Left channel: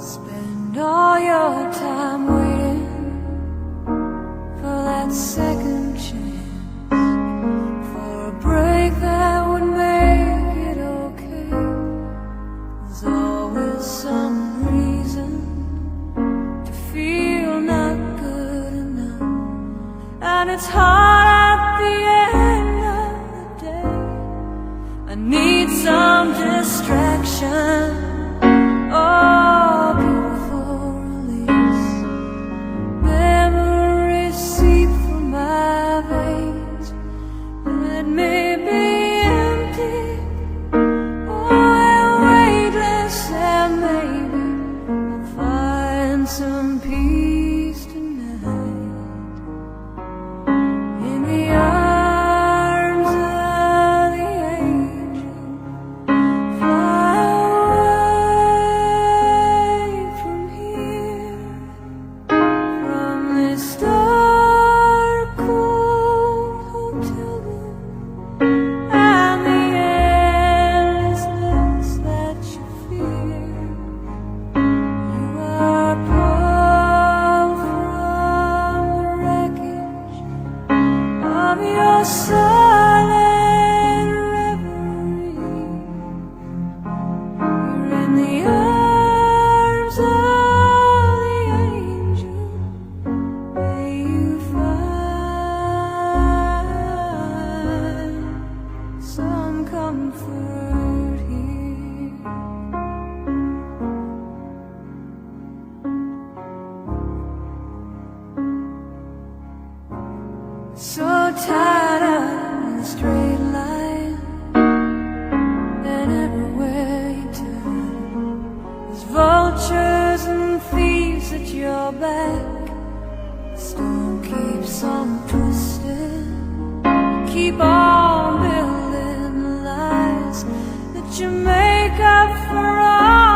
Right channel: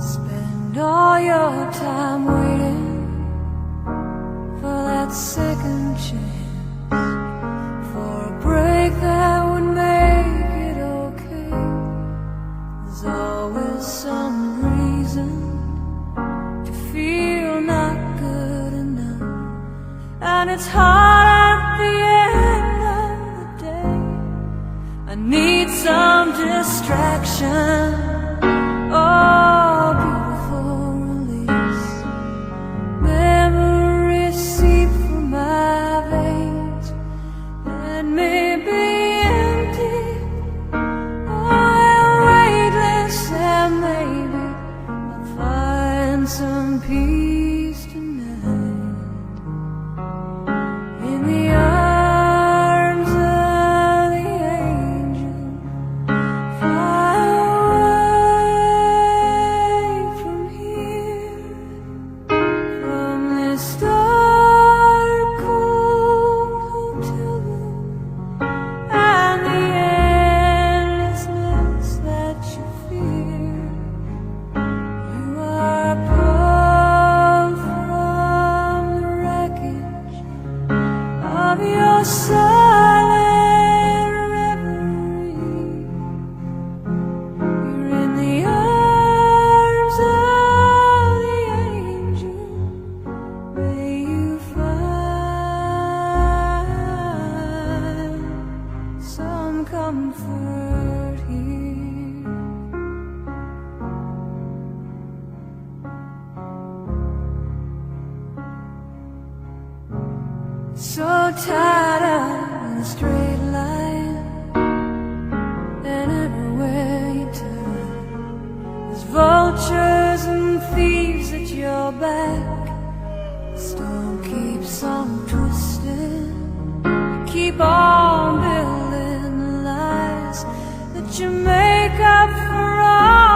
Spend all your time waiting for that second chance, for a break that would make it okay. There's always some reason to feel not good enough, and it's hard at the end of the day. I need some distraction. Oh, beautiful release. Memories seep from my veins. Let me be empty. Oh, weightless, and maybe I'll find some peace tonight in the arms of the angel. Fly away from here, from this dark, cold hotel room, and the endlessness that you fear. You are pulled from the wreckage of your silent reverie. You're in the arms of the angel. May you find some comfort here. So tired of the straight line, and everywhere you turn, there's vultures and thieves at your back. The storm keeps on twisting. Keep on building the lies that you make up for all